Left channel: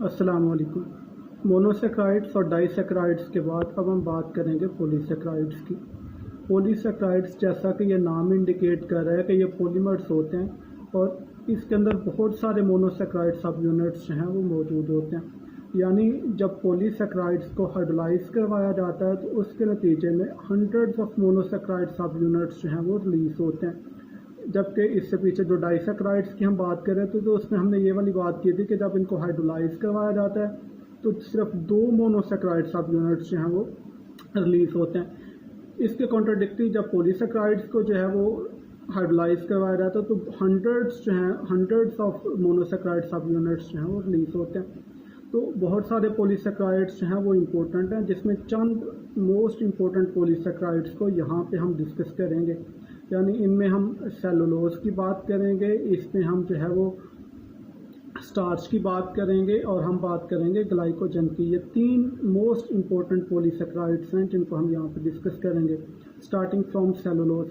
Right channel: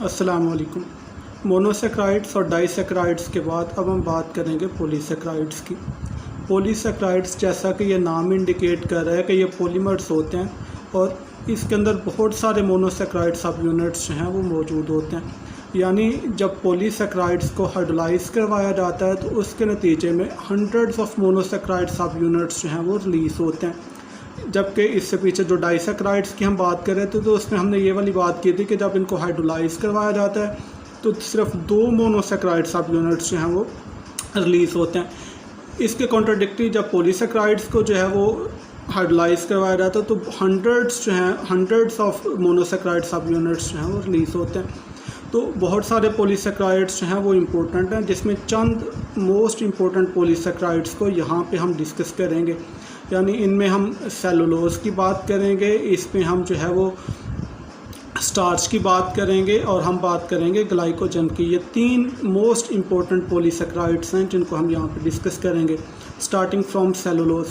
अस्सलाम वालेकुम। मोनोसेक्राइड्स और डाइसेक्राइड्स के बाद अब हम बात करेंगे पॉलीसेक्राइड्स की। पॉलीसेक्राइड्स, जैसा कि ये नाम इंडिकेट कर रहा है कि ये पॉलीमर्स होते हैं और इसके अंदर बहुत सारे मोनोसेक्राइड सब यूनिट्स जो हैं वो मौजूद होते हैं। यानी जब पॉलीसेक्राइड्स को हाइड्रोलाइज करवाया जाता है तो उसके नतीजे में हंड्रेड्स ऑफ मोनोसेक्राइड सब यूनिट्स जो हैं वो रिलीज़ होते हैं। जबकि इससे पीछे जो डाइसेक्राइड्स की हम बात कर रहे थे तो उसमें हमने ये वाली बात की थी कि जब इनको हाइड्रोलाइज करवाया जाता है तो सिर्फ 2 मोनोसेक्राइड सब यूनिट्स जो हैं वो रिलीज़ होते हैं। इसके कॉन्ट्राडिक्टरी जब पॉलीसेक्राइड्स को जो है वो हाइड्रोलाइज करवाया जाता है तो हंड्रेड्स ऑफ मोनोसेक्राइड सब यूनिट्स जो हैं वो रिलीज़ होते हैं। तो बहुत सारे पॉलीसेक्राइड्स जो हैं वो इम्पोर्टेंट हैं, जिसमें चंद मोस्ट इम्पोर्टेंट पॉलीसेक्राइड्स को यहाँ पे हम डिस्कस करेंगे। यानी इनमें हम सेलुलोज की बात करेंगे, इसमें हम जो है वो स्टार्च की बात करेंगे और हम बात करेंगे ग्लाइकोजन की। ये 3 मोस्ट इम्पोर्टेंट पॉलीसेक्राइड्स हैं जिनको हम यहाँ पे डिस्कस करेंगे। Starting from cellulose.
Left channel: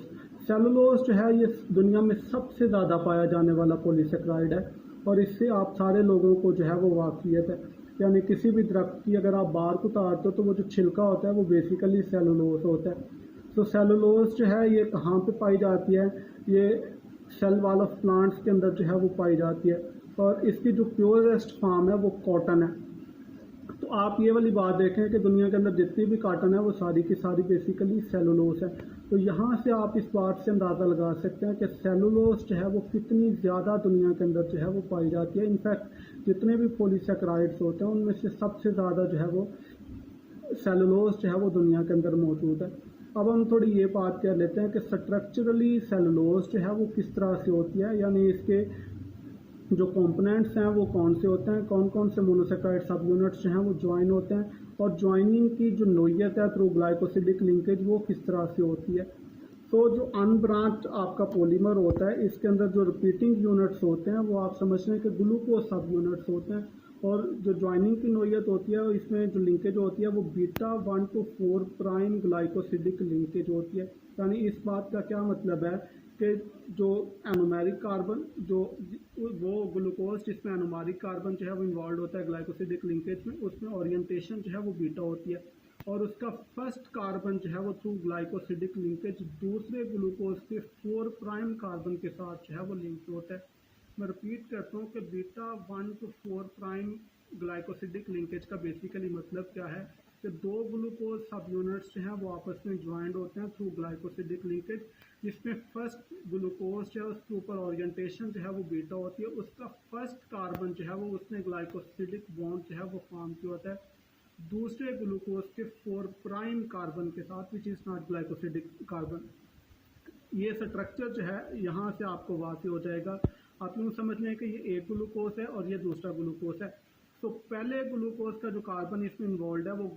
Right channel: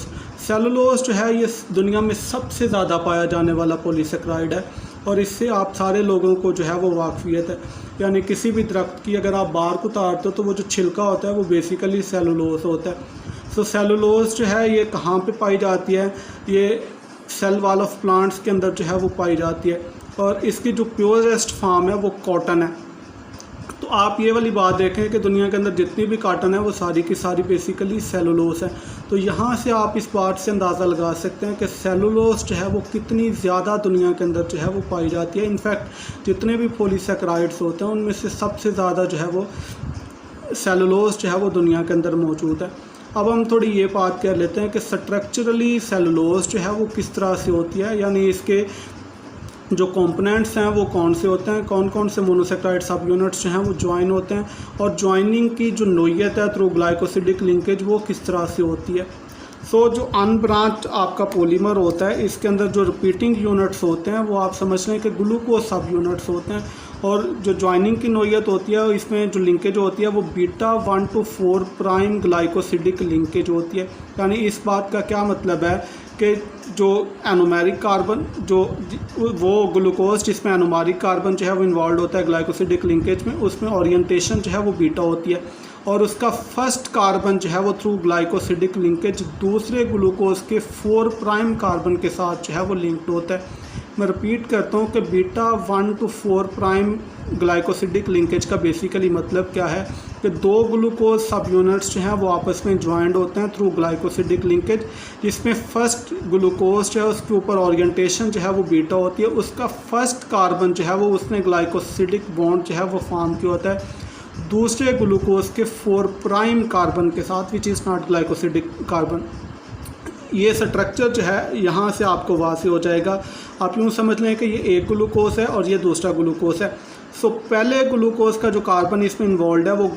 सेलुलोज जो है ये दुनिया में सबसे ज़्यादा पाया जाने वाला पॉलीसेक्राइड है और इससे आप सारे लोगों को जो है वो वाकफियत है। यानी किसी भी दरख्त की अगर आप बार्क उतारते हो तो वो जो छिलका होता है वो बेसिकली सेलुलोज होता है। तो सेलुलोज जो है ये कहाँ पे पाई जाती है? ये सेल वॉल ऑफ प्लांट्स के अंदर जो है वो पाई जाती है और इसकी जो प्योरेस्ट फॉर्म है वो कॉटन है। तो आप ये वाली बात देखें कि दुनिया के अंदर जितनी भी कॉटन है वो सारी की सारी बेसिकली सेलुलोज है। तो यहाँ से आप इस बात से अंदाज़ा लगा सकते हैं कि सेलुलोज जो है वो कितनी ज़्यादा दुनिया के अंदर जो है वो पाई जाती है। इनफैक्ट जितने भी पॉलीसेक्राइड्स होते हैं उनमें से सबसे ज़्यादा जो है वो सेलुलोज जो है वो दुनिया के अंदर मौजूद है। अब हम थोड़ी ये बात कर लेते हैं कि स्ट्रक्चरली सेलुलोज जो है वो किस तरह से होती है, यानी इसके जो कंपोनेंट्स हैं वो कौन से होते हैं, कौन कौन से मोनोसेक्राइड सब यूनिट्स जो हैं वो ज्वाइन होते हैं और ज्वाइनिंग की जो नोयत है थ्रू ग्लाइकोसिडिक लिंकेज वो किस तरह से होती है। सो जो अनब्रांच्ड आपका पॉलीमर होता है इसके अंदर जो रिपीटिंग यूनिट्स होते हैं वो आप समझ लें कि ग्लूकोज सब यूनिट्स होते हैं और जो ज्वाइनिंग की नोयत होती है इसमें जो लिंकेज होती है वो beta 1 to 4 prime glycosidic linkage होती है। यानी इस बात का क्या मतलब है कि जो एनोमेरिक कार्बन जो वो ग्लूकोज जिसमें एनोमेरिक कार्बन जो है वो इन्वॉल्व होता है ग्लाइकोसिडिक लिंकेज में, उसमें ओरिएंटेशन जो है वो बीटा होती है और उसका फर्स्ट कार्बन जो है वो थ्रू ग्लाइकोसिडिक लिंकेज दूसरे ग्लूकोज के 4 प्राइम कार्बन के साथ जो है वो लिंक्ड होता है। मैं रिपीट करता हूँ कि beta 1 to 4 prime glycosidic linkage का बेसिकली मतलब क्या है कि 2 ग्लूकोज सब यूनिट्स जो हैं वो आपस में ज्वाइंड होते हैं थ्रू ग्लाइकोसिडिक लिंकेज, जिसमें फर्स्ट ग्लूकोज जो है उसके ऊपर ओरिएंटेशन जो है वो बीटा होती है। उसका फर्स्ट कार्बन जो है वो उसने ग्लाइकोसिडिक बॉन्ड जो है वो फॉर्म किया होता है दूसरे ग्लूकोज के 4 प्राइम कार्बन के साथ, which is not glycosidic carbon. ये स्ट्रक्चर जो है यहाँ से आपको वाज़ेह हो जाएगा। आप यूँ समझ लें कि ये एक ग्लूकोज है और ये दूसरा ग्लूकोज है। सो पहले ग्लूकोज का जो कार्बन इसमें इन्वॉल्व है वो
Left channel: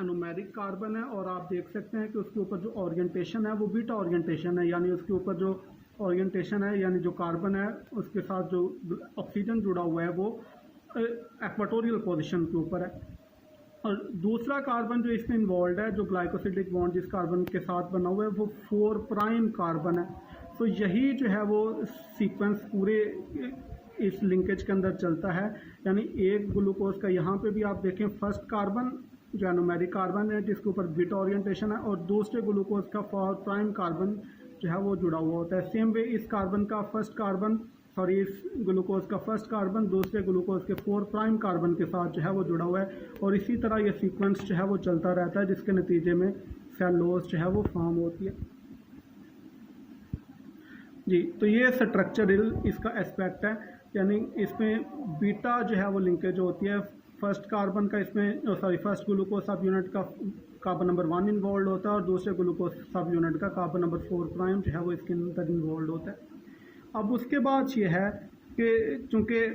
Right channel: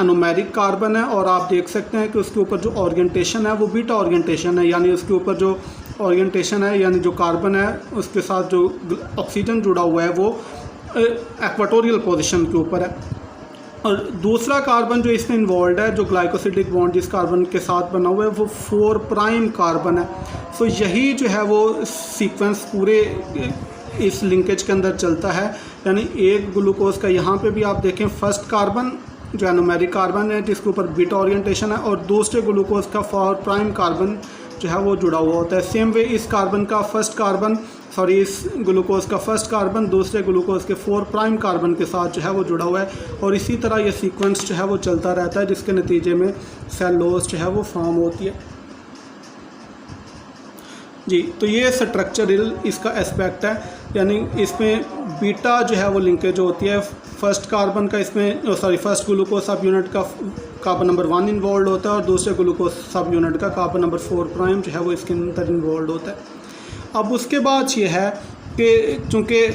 एनोमेरिक कार्बन है और आप देख सकते हैं कि उसके ऊपर जो ओरिएंटेशन है वो बीटा ओरिएंटेशन है। यानी उसके ऊपर जो ओरिएंटेशन है यानी जो कार्बन है उसके साथ जो ऑक्सीजन जुड़ा हुआ है वो इक्वेटोरियल पोजीशन के ऊपर है। और दूसरा कार्बन जो इसमें इन्वॉल्व है जो ग्लाइकोसिडिक बॉन्ड जिस कार्बन के साथ बना हुआ है वो 4 प्राइम कार्बन है। सो यही जो है वो सीक्वेंस पूरे इस लिंकेज के अंदर चलता है। यानी एक ग्लूकोज का यहाँ पे भी आप देखें फर्स्ट कार्बन जो एनोमेरिक कार्बन है जिसके ऊपर बीटा ओरिएंटेशन है और दूसरे ग्लूकोज का 4 प्राइम कार्बन जो है वो जुड़ा हुआ होता है। सेम वे इस ग्लूकोज का फर्स्ट कार्बन दूसरे ग्लूकोज के 4 प्राइम कार्बन के साथ जो है वो जुड़ा हुआ है और इसी तरह ये सीक्वेंस जो है वो चलता रहता है जिसके नतीजे में सेलुलोज जो है वो फॉर्म होती है। जी, तो ये स्ट्रक्चरल इसका एस्पेक्ट है। यानी इसमें बीटा जो है वो लिंकेज होती है फर्स्ट कार्बन का, फर्स्ट ग्लूकोज सब यूनिट का कार्बन नंबर 1 इन्वॉल्व होता है और दूसरे ग्लूकोज सब यूनिट का कार्बन नंबर 4 प्राइम जो है वो इसके अंदर इन्वॉल्व होता है। अब उसके बाद ये है कि चूँकि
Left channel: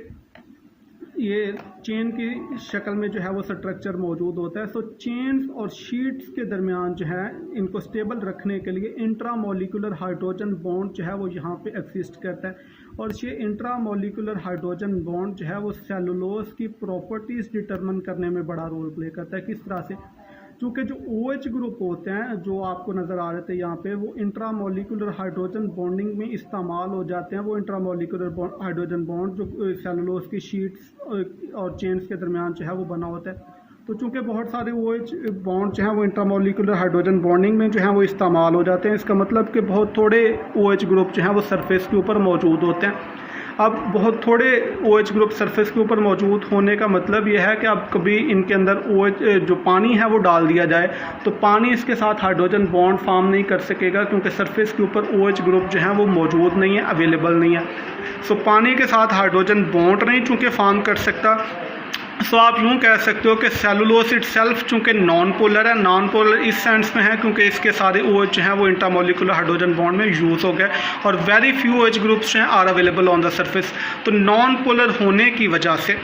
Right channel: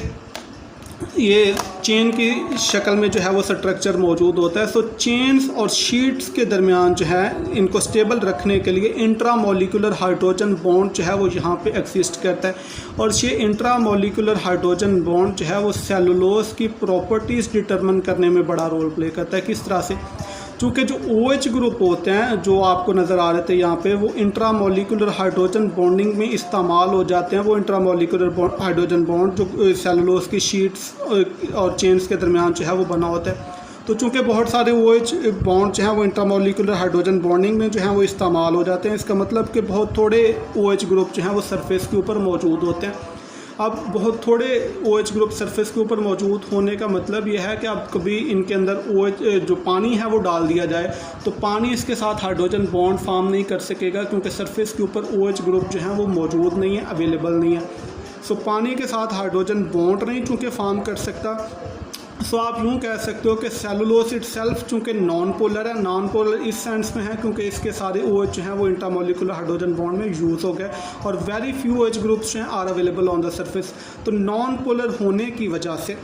ये चेन की शक्ल में जो है वो स्ट्रक्चर मौजूद होता है, सो चेन्स और शीट्स के दरमियान जो है इनको स्टेबल रखने के लिए इंट्रामोलिकुलर हाइड्रोजन बॉन्ड जो है वो यहाँ पे एग्जिस्ट करता है और ये इंट्रामोलिकुलर हाइड्रोजन बॉन्ड जो है वो सेलुलोज की प्रॉपर्टीज़ डिटरमिन करने में बड़ा रोल प्ले करता है। किस तरह से? चूँकि जो OH ग्रुप होते हैं जो आपको नज़र आ रहे थे यहाँ पे, वो इंट्रामोलिकुलर हाइड्रोजन बॉन्डिंग में इस्तेमाल हो जाते हैं। वो इंट्रामोलिकुलर हाइड्रोजन बॉन्ड जो सेलुलोज की शीट्स और चेन्स के दरमियान जो है वो बना होता है। तो चूँकि बहुत सारे OH बॉन्ड जो हैं वो इंट्रामोलिकुलर हाइड्रोजन बॉन्डिंग में जो है वो इस्तेमाल हो जाते हैं। इसका मतलब कि बहुत थोड़े OH ग्रुप जो हैं वो सरफेस के ऊपर मौजूद होते हैं। अब बहुत थोड़े OH ग्रुप सरफेस के ऊपर मौजूद होने का मतलब ये है कि अब कभी इनके अंदर OH जो पानी है वो डाल दिया जाए तो पानी इसके साथ हाइड्रोजन बॉन्ड फॉर्म नहीं कर सकेगा, क्योंकि सरफेस के ऊपर OH ग्रुप जो है वो मौजूद नहीं है, अवेलेबल नहीं है। सो पानी के साथ हाइड्रोजन बॉन्ड नहीं चूँकि फॉर्म कर सकता, सो आप यूँ कह सकते हो कि सेलुलोज इटसेल्फ चूँकि नॉन पोलर है, नॉन पोलर इस सेंस में है क्योंकि इसके सारे OH जो हैं वो इंट्रामोलिकुलर हाइड्रोजन बॉन्ड में यूज़ हो गए और वेरी फ्यू OH ग्रुप्स हैं are available on the surface. तो नॉन पोलर होने की वजह से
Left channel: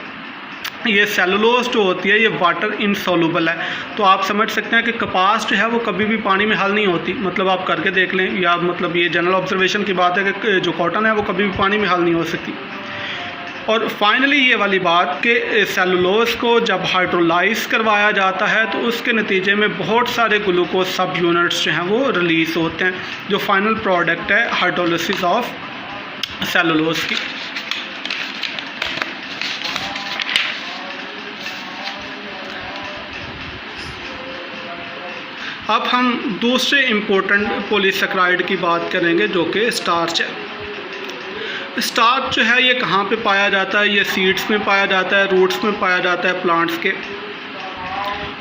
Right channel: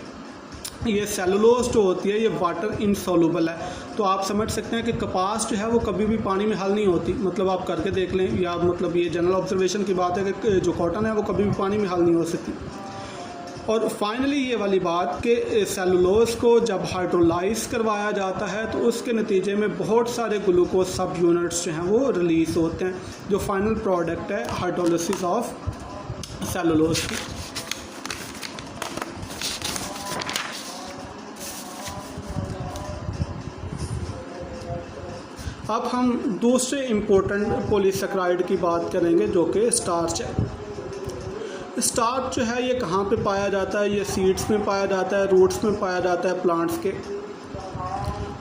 ये सेलुलोज जो होती है ये वाटर इनसॉल्युबल है। तो आप समझ सकते हैं कि कपास जो है वो कभी भी पानी में हल नहीं होती, मतलब आप करके देख लें, या मतलब ये जनरल ऑब्जर्वेशन की बात है कि जो कॉटन है वो कभी भी पानी में हल नहीं हो सकती। और फाइनली ये वाली बात कि सेलुलोज को जब हाइड्रोलाइज करवाया जाता है तो उसके नतीजे में बहुत सारे ग्लूकोज सब यूनिट्स जो हैं वो रिलीज़ होते हैं, जो फाइनल प्रोडक्ट है हाइड्रोलिसिस ऑफ सेलुलोज की। अब हम दूसरे इम्पोर्टेंट पॉलीसेकेराइड की बात करेंगे जो कि स्टार्च है। स्टार्च जो है ये कहाँ पे पाया जाता है? ये सीड्स में पाया जाता है, रूट्स में पाया जाता है प्लांट्स के।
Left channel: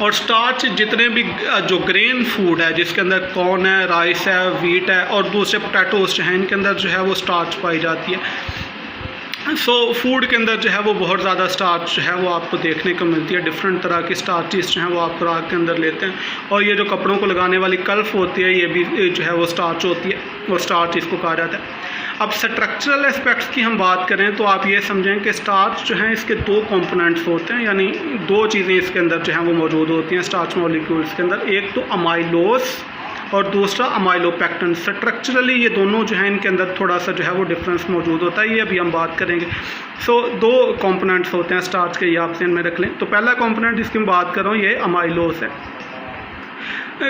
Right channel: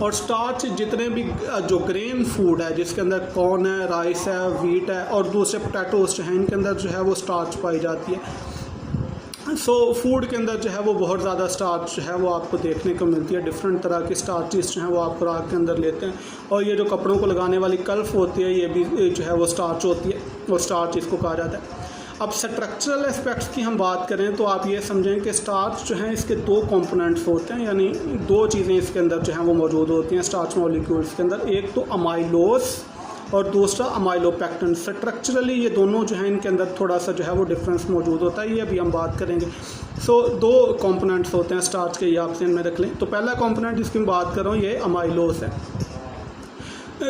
और स्टार्च जितने भी जो ग्रेन फूड है जिसके अंदर कॉर्न है, राइस है, वीट है और दूसरे पोटैटोज जो हैं इनके अंदर जो है वो स्टार्च पाई जाती है। सो फूड के अंदर जो है वो बहुत ज़्यादा स्टार्च जो है वो आपको देखने को मिलती है। डिफरेंट तरह की स्टार्चेस जो हैं वो आप खुराक के अंदर लेते हैं। और ये जो कपड़ों को लगाने वाली कल्फ होती है ये भी जो है वो स्टार्च होती है, और स्टार्च इसको कहा जाता है। अब स्ट्रक्चरल एस्पेक्ट्स की हम बात करें तो आप ये समझें कि स्टार्च जो है इसके दो कंपोनेंट्स होते हैं, यानी दो चीज़ें इसके अंदर जो हैं वो मौजूद होती हैं स्टार्च मॉलिक्यूल्स के अंदर। एक तो अमाइलोस और दूसरा अमाइलोपेक्टिन। स्ट्रक्चरली ये दोनों जो हैं इनके अंदर थोड़ा सा जो है वो डिफरेंस मौजूद होता है, ये अभी हम बात करेंगे। सो दो कंपोनेंट्स होते हैं स्टार्च के, ये आप ध्यान में रख लें। तो पहला कंपोनेंट जिसकी मैं बात कर रहा हूँ ये अमाइलोस है।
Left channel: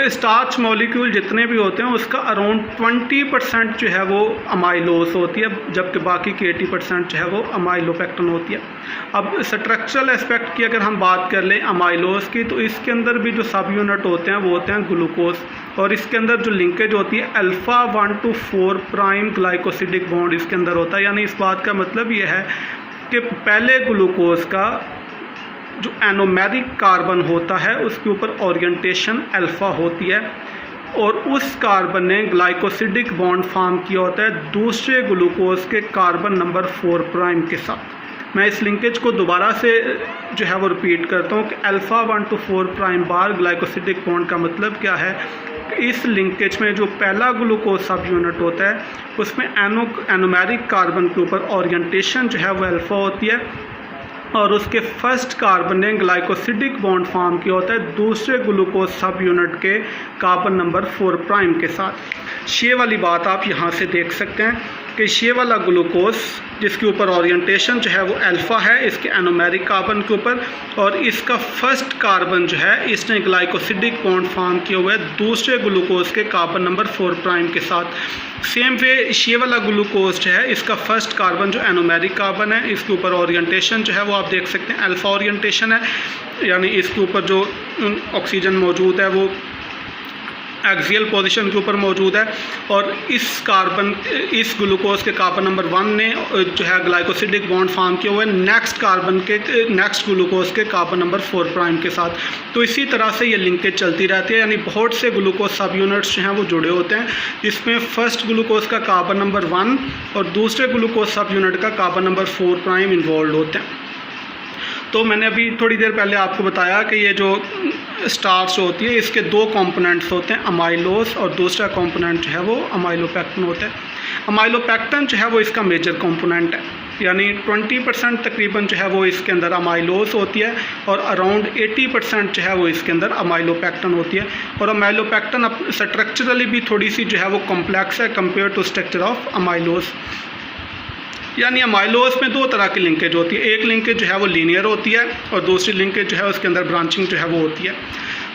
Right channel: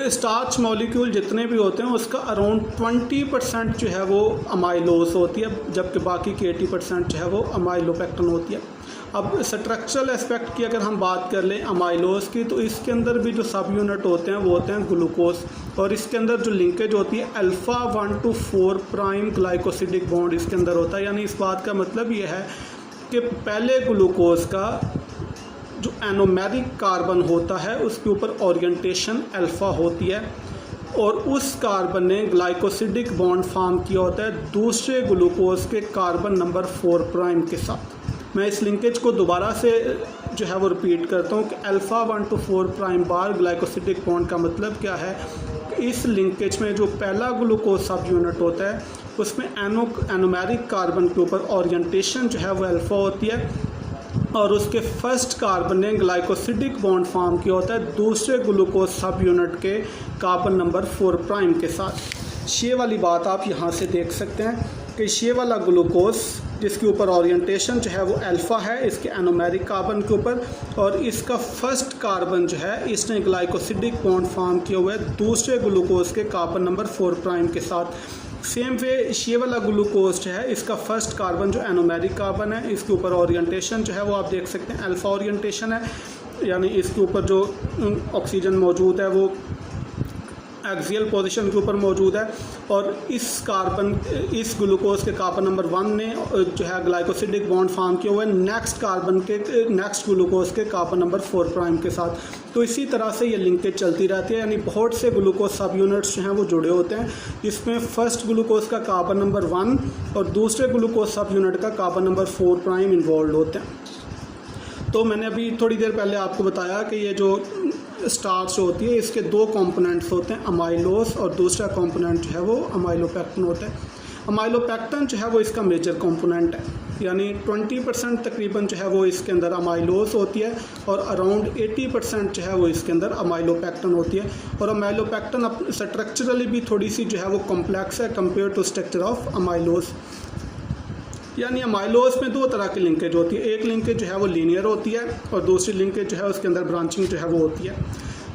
स्टार्च मॉलिक्यूल जितने भी होते हैं उसका अराउंड 20% जो है वो अमाइलोस होती है, जबकि बाकी की 80% जो है वो अमाइलोपेक्टिन होती है। अब स्ट्रक्चरल एस्पेक्ट की अगर हम बात कर लें अमाइलोस की, तो इसके अंदर भी जो सब यूनिट होते हैं वो होते हैं ग्लूकोज, और इसके अंदर जो लिंकेज होती है alpha 1 to 4 prime glycosidic bond इसके अंदर होता है। यानी इस बात का मतलब ये है कि पहले ग्लूकोज का जो एनोमेरिक कार्बन होता है उसके ऊपर ओरिएंटेशन अल्फ़ा होती है, और उस कार्बन ने ग्लाइकोसिडिक बॉन्ड फॉर्म किया होता है दूसरे ग्लूकोज के कार्बन नंबर 4 प्राइम के साथ। मैं इस लिंकेज को दोबारा से जो है वो रिपीट करता हूँ कि alpha 1 to 4 prime bar glycosidic bond का मतलब क्या है। इस लिंकेज में जो पहला ग्लूकोज सब यूनिट होता है उसमें एनोमेरिक कार्बन के ऊपर ओरिएंटेशन जो है वो अल्फ़ा होती है, और उसके फर्स्ट कार्बन ने ग्लाइकोसिडिक बॉन्ड फॉर्म किया होता है दूसरे ग्लूकोज सब यूनिट के कार्बन नंबर 4 प्राइम के साथ। ये वाली बात आप यहाँ से देख सकते हैं कि ये वाला ग्लूकोज जिसके ऊपर ओरिएंटेशन जो है वो अल्फ़ा है इसके एनोमेरिक कार्बन के ऊपर, और इसका फर्स्ट कार्बन जो है इसने ग्लाइकोसिडिक बॉन्ड फॉर्म किया हुआ है दूसरे ग्लूकोज के कार्बन नंबर 4 प्राइम के साथ। सेम वे ये वाला ग्लूकोज जो है इसका फर्स्ट कार्बन जो एनोमेरिक कार्बन है इसके ऊपर ओरिएंटेशन जो है वो आप देख सकते हैं अल्फ़ा ओरिएंटेशन है, यानी इसके ऊपर जो ऑक्सीजन मौजूद है वो एक्सियल पोजीशन के ऊपर मौजूद है, और इस ग्लूकोज के कार्बन नंबर 1 ने जो है ग्लाइकोसिडिक बॉन्ड फॉर्म किया हुआ है नेक्स्ट ग्लूकोज के कार्बन नंबर 4 प्राइम के साथ। तो इसी तरह से ये लिंकेज चलती रहती है, यानी बहुत से ग्लूकोज सब यूनिट्स जो हैं वो जुड़े होते हैं। इसमें फर्स्ट ग्लूकोज का कार्बन नंबर 1 और दूसरे ग्लूकोज सब यूनिट का कार्बन नंबर 4 प्राइम इन्वॉल्व होते हैं। तो मैंने अभी थोड़ी देर पहले आपको बताया कि ये जो स्टार्च होती है इसके दो कंपोनेंट्स होते हैं अमाइलोस, और दूसरा कंपोनेंट जो है वो अमाइलोपेक्टिन होता है। अमाइलोपेक्टिन जो है वो इसका मेजर कंपोनेंट है, यानी 20% तकरीबन जो है वो इसके अंदर अमाइलोस होती है, और अराउंड 80% जो है वो इसके अंदर अमाइलोपेक्टिन होती है। और अमाइलोपेक्टिन स्ट्रक्चरली भी थोड़ी सी जो है वो कॉम्प्लेक्स है compare to structure of amylose. यानी अमाइलोस में दो तरह की लिंकेज होती है, एक लिंकेज जो है वो लीनियर होती है और दूसरी लिंकेज जो है उसके अंदर ब्रांचिंग जो है वो होती है।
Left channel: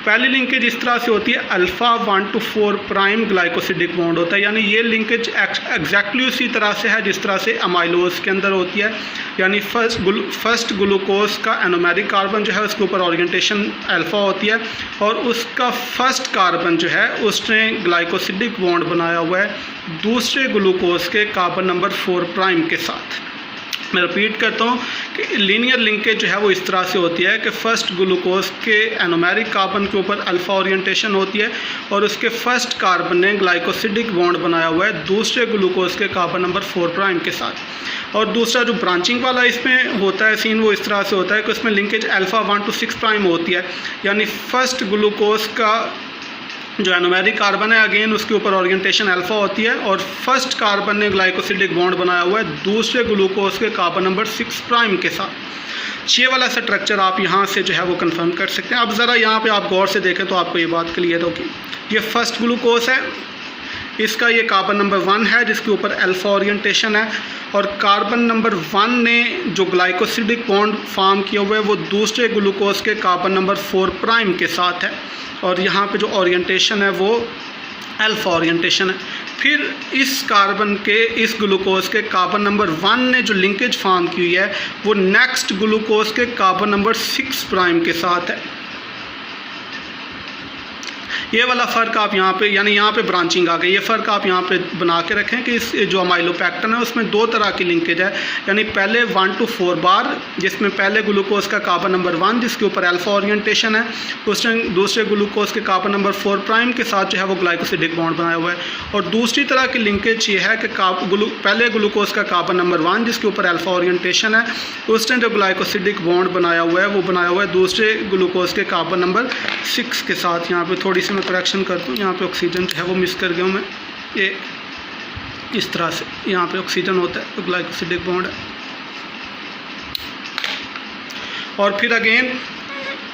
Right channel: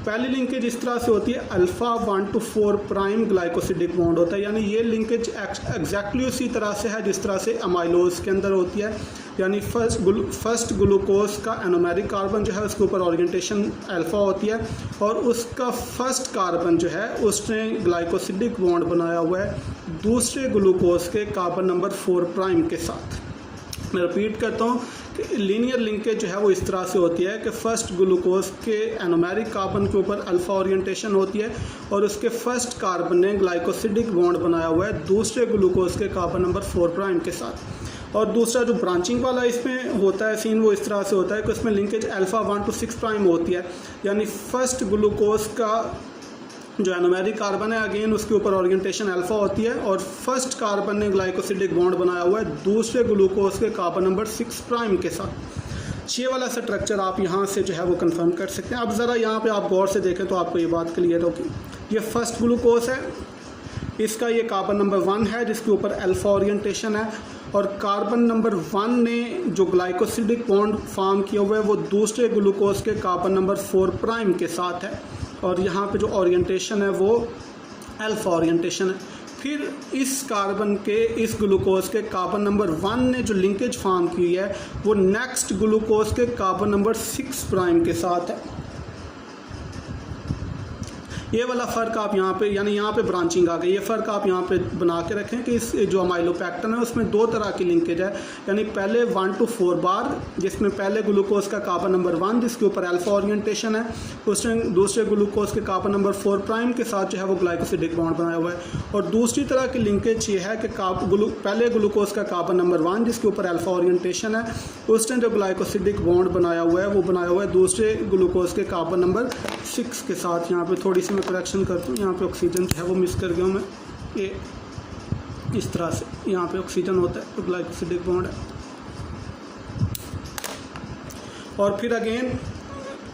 पहली लिंकेज इस तरह से होती है, alpha 1 to 4 prime glycosidic bond होता है, यानी ये लिंकेज एग्जैक्टली उसी तरह से है जिस तरह से अमाइलोज के अंदर होती है। यानी फर्स्ट ग्लूकोज का एनोमेरिक कार्बन जो है उसके ऊपर ओरिएंटेशन अल्फ़ा होती है और उसका फर्स्ट कार्बन जो है उसने ग्लाइकोसिडिक बॉन्ड बनाया हुआ है दूसरे ग्लूकोज के कार्बन नंबर 4 प्राइम के साथ। मैं रिपीट करता हूँ कि लीनियर लिंकेज जो है वो इस तरह से होती है कि फ़र्स्ट ग्लूकोज के एनोमेरिक कार्बन के ऊपर अल्फ़ा ओरिएंटेशन होती है और उसके फर्स्ट कार्बन ने ग्लाइकोसिडिक बॉन्ड बनाया हुआ है दूसरे ग्लूकोज के कार्बन नंबर 4 प्राइम के साथ। और दूसरा जो ब्रांचिंग वाला इसमें होता है सीन वो इस तरह से होता है कि उसमें लिंकेज अल्फ़ा 1 to 6 प्राइम होती है, यानी फर्स्ट ग्लूकोज का जो एनोमेरिक कार्बन है अगेन उसके ऊपर ओरिएंटेशन अल्फ़ा होती है और फर्स्ट कार्बन ने ग्लाइकोसिडिक बॉन्ड बनाया हुआ है दूसरे ग्लूकोज के कार्बन नंबर 6 प्राइम के साथ। ये वाला स्ट्रक्चर आप यहाँ से जो है वो कंफर्म कर सकते हैं। अब ज़रा यहाँ पे आप गौर से देखें तो आपको ये बात क्लियर होगी। ये फर्स्ट ग्लूकोज है, इसका ये कार्बन नंबर 1 है जिसके ऊपर अल्फ़ा ओरिएंटेशन है और कार्बन नंबर 1 ने जो ग्लाइकोसिडिक बॉन्ड फॉर्म किया हुआ है वो दूसरे ग्लूकोज के कार्बन नंबर 4 प्राइम के साथ है और यहाँ पे जो ओरिएंटेशन है वो अल्फ़ा ओरिएंटेशन है। फिर इस कार्बन के इस ग्लूकोज के कार्बन नंबर 1 ने जो लिंकेज फॉर्म की हुई है वो नेक्स्ट ग्लूकोज के कार्बन नंबर 6 प्राइम के साथ है। ये वाला फ़र्क आप यहाँ पे यानी यहाँ पे ब्रांचिंग आ गई, ये फ़र्क आप यहाँ पे बना के रखें कि इस जो अमाइलोपेक्टिन है उसमें 2 तरह की लिंकेज है, यानी पहले 1 to 4 बार जिसमें पहले ग्लूकोज का कार्बन नंबर 1 जिसके ऊपर अल्फ़ा ओरिएंटेशन है उसने दूसरे ग्लूकोज के कार्बन नंबर 4 प्राइम के साथ जो है वो ग्लाइकोसिडिक बॉन्ड बनाया हुआ है। और दूसरी तरह की लिंकेज ये है कि पहले ग्लूकोज का कार्बन नंबर 1 जिसके ऊपर अल्फ़ा ओरिएंटेशन है उसने जो ग्लाइकोसिडिक बॉन्ड बनाया हुआ है वो बनाया हुआ है दूसरे ग्लूकोज के कार्बन नंबर 6 के साथ। यहाँ पे थोड़ी सी करेक्शन करता हूँ, यहाँ पे ऑक्सीजन जो है वो मिस कर गया हूँ मैं, ये इस तरह से यहाँ पे ऑक्सीजन होता है तो ग्लाइकोसिडिक बॉन्ड है। और फिर अगेन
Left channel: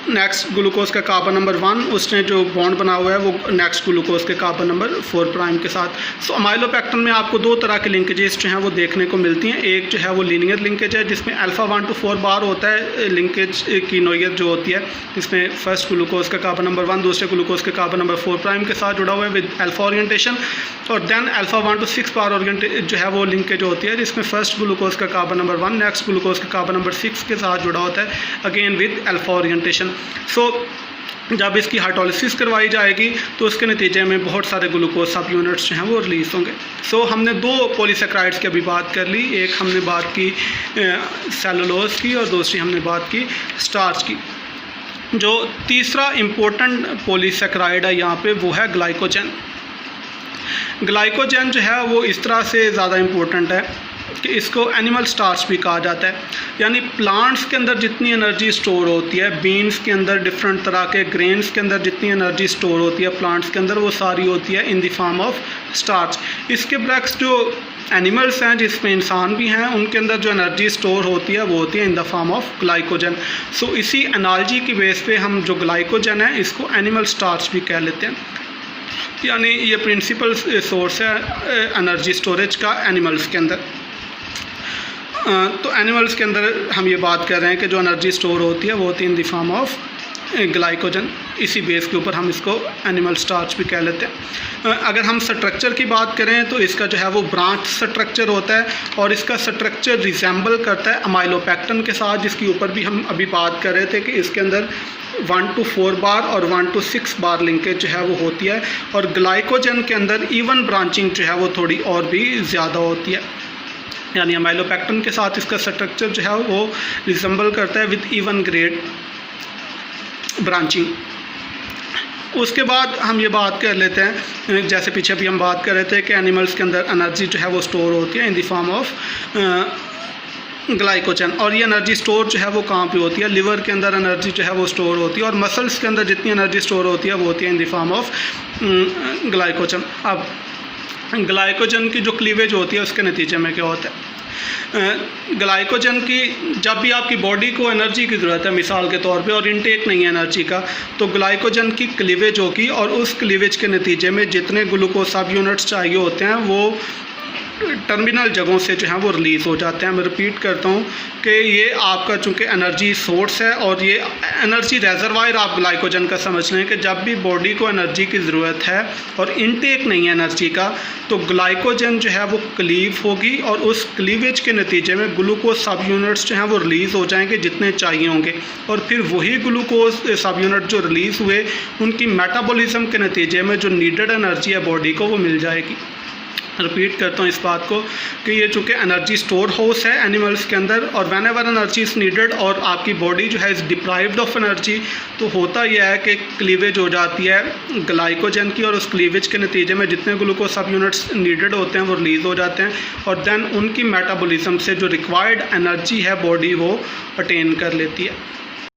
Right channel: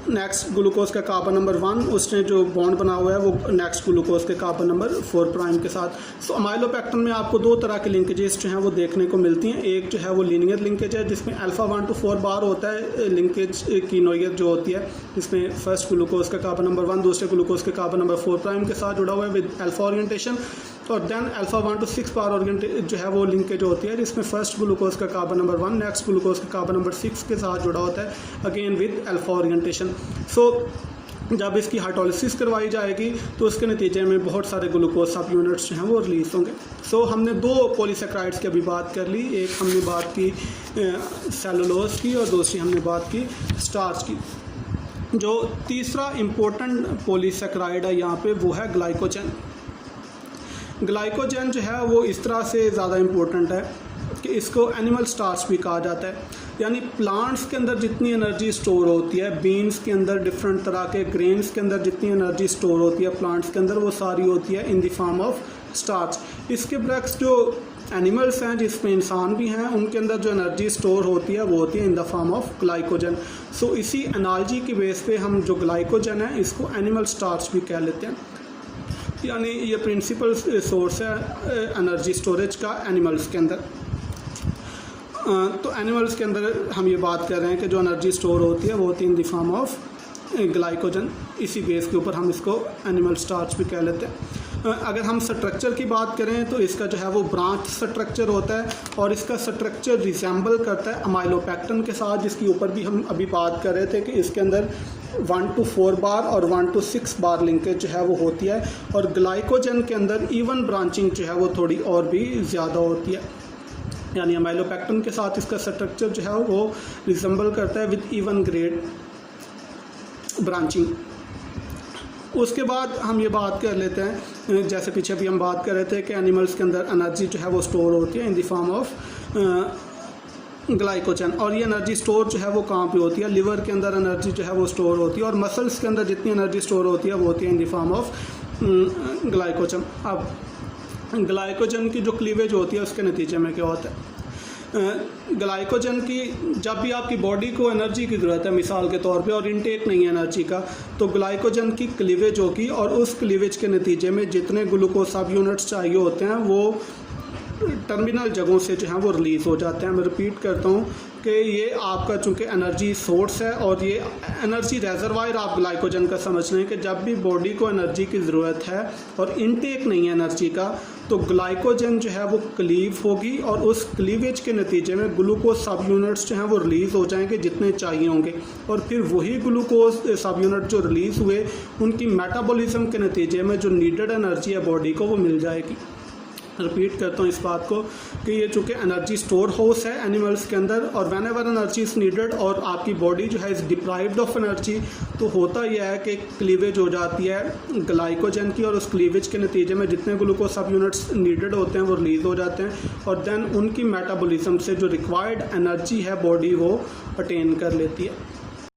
नेक्स्ट ग्लूकोज का कार्बन नंबर 1 उसने जो बॉन्ड बना हुआ है वो नेक्स्ट ग्लूकोज के कार्बन नंबर 4 प्राइम के साथ। सो अमाइलोपेक्टिन में आपको 2 तरह के लिंकेजेस जो हैं वो देखने को मिलती हैं। एक जो है वो लीनियर लिंकेज है जिसमें अल्फ़ा 1 to 4 बार होता है लिंकेज की नोयत जो होती है, जिसमें फर्स्ट ग्लूकोज का कार्बन नंबर 1 दूसरे ग्लूकोज के कार्बन नंबर 4 प्राइम के साथ जुड़ा हुआ है विद अल्फ़ा ओरिएंटेशन। और देन अल्फ़ा 1 to 6 बार ओरिएंटेड जो है वो लिंकेज होती है जिसमें फर्स्ट ग्लूकोज का कार्बन नंबर 1 नेक्स्ट ग्लूकोज का कार्बन नंबर 6 के साथ जुड़ा होता है again with alpha orientation. So जब इसकी हाइड्रोलिसिस करवाई जाएगी तो उसके नतीजे में बहुत सारे ग्लूकोज सब यूनिट्स जो हैं वो रिलीज़ होंगे। सो हमने 2 पॉलीसेक्राइड्स की अभी बात कर ली, एक हमने बात की सेलुलोज की और दूसरी हमने बात की स्टार्च की। जो तीसरा इम्पोर्टेंट पॉलीसेक्राइड है यहाँ पे वो है ग्लाइकोजन। ग्लाइकोजन जो है वो इस तरह से ज़्यादा इम्पोर्टेंट है कि इसको एनिमल स्टार्च भी कहा जाता है, यानी प्लांट्स के अंदर जितनी एनर्जी स्टोर होती है, बीन्स के अंदर डिफरेंट तरह के ग्रेन्स के अंदर जितनी एनर्जी स्टोर होती है प्लांट्स के अंदर वो सारी होती है in the form of starch. इसके बरक्स जो एनिमल्स हैं जिसमें इंसान भी हैं उनके अंदर जो एनर्जी स्टोर होती है वो होती है in the form of glycogen. So इसी एनालॉजी की बेस पे हम जो ग्लाइकोजन है इसको एनिमल स्टार्च भी कह लेते हैं, यानी ये प्रिंसिपल सोर्स है एनर्जी स्टोरेज का एनिमल्स के अंदर। तो एनिमल्स के अंदर हम ये बात कर रहे हैं कि जो एनर्जी स्टोर होती है वो होती है in the form of glycogen. इसी बेस के ऊपर हम इसको एनिमल स्टार्च भी कह लेते हैं। अगर हम स्ट्रक्चर की बात करें तो इसका जो है वो ब्रांच स्ट्रक्चर होता है और इसका स्ट्रक्चर रिजेंबल करता है अमाइलोपेक्टिन के साथ, जिसके ऊपर भी हम अभी बात कर रहे थे कि इसके अंदर 1 to 4 बार और 1 to 6 बार लिंकेज जो है वो होती है। और ग्लाइकोजन के अंदर इवन ब्रांचिंग जो है वो थोड़ी और भी ज़्यादा होती है, यानी अमाइलोपेक्टिन के साथ इसका स्ट्रक्चर जो है वो रिजेंबल करता है विद इवन ग्रेड ब्रांचिंग। उसके बाद हम ये बात कर लेते हैं, जैसे पीछे भी हम बात कर रहे थे कि एनिमल्स के अंदर एनर्जी जो है वो स्टोर होती है in the form of glycogen. और ये एनर्जी स्टोर जो है वो कहाँ पे होती है, लिवर के अंदर एनर्जी जो है वो स्टोर होती है और मसल्स के अंदर जितनी एनर्जी स्टोर होती है वो होती है in the form of glycogen. अब ग्लाइकोजन की जो क्लीवेज होती है उसके नतीजे में क्या होता है, ग्लाइकोजन की जब भी आपकी बॉडी को एनर्जी की ज़रूरत है मिसाल के तौर पे और इनटेक नहीं है एनर्जी का, तो ग्लाइकोजन की क्लीवेज होगी और उस क्लीवेज के नतीजे में जितने ग्लूकोज सब यूनिट्स चाहिए होते हैं वो टर्मिनल जगहों से जो है वो रिलीज़ हो जाते हैं। मैं रिपीट करता हूँ कि ये आपका चूँकि एनर्जी सोर्स है और ये एनर्जी रेजरवायर आप ग्लाइकोजन का समझ लें कि जब भी बॉडी को एनर्जी की ज़रूरत है और इनटेक नहीं है एनर्जी का, तो ग्लाइकोजन जो है वो क्लीव होगी और उस क्लीवेज के नतीजे में ग्लूकोज सब यूनिट्स जो हैं वो रिलीज़ हो जाएंगे जितने चाहिए होंगे, और फिर वही ग्लूकोज सब यूनिट जो रिलीज़ हुए उनकी मेटाबॉलिज्म के नतीजे में जो नीडेड एनर्जी है बॉडी को वो मिल जाएगी। रिपीट करता हूँ इस बात को कि ये चूँकि एनर्जी स्टोर हाउस है एनिमल्स के अंदर, और van ever energy is needed और आपकी बॉडी जो है इज़ डिप्राइव्ड ऑफ एनर्जी, तो होता यह है कि क्लीवेज हो जाती है ग्लाइकोजन की, और उस क्लीवेज के नतीजे में जितने ग्लूकोज सब यूनिट्स नीडेड होते हैं वो रिलीज़ हो जाते हैं, और देन उनकी मेटाबॉलिज्म से जो रिक्वायर्ड एनर्जी है बॉडी वो अटेन कर लेती है।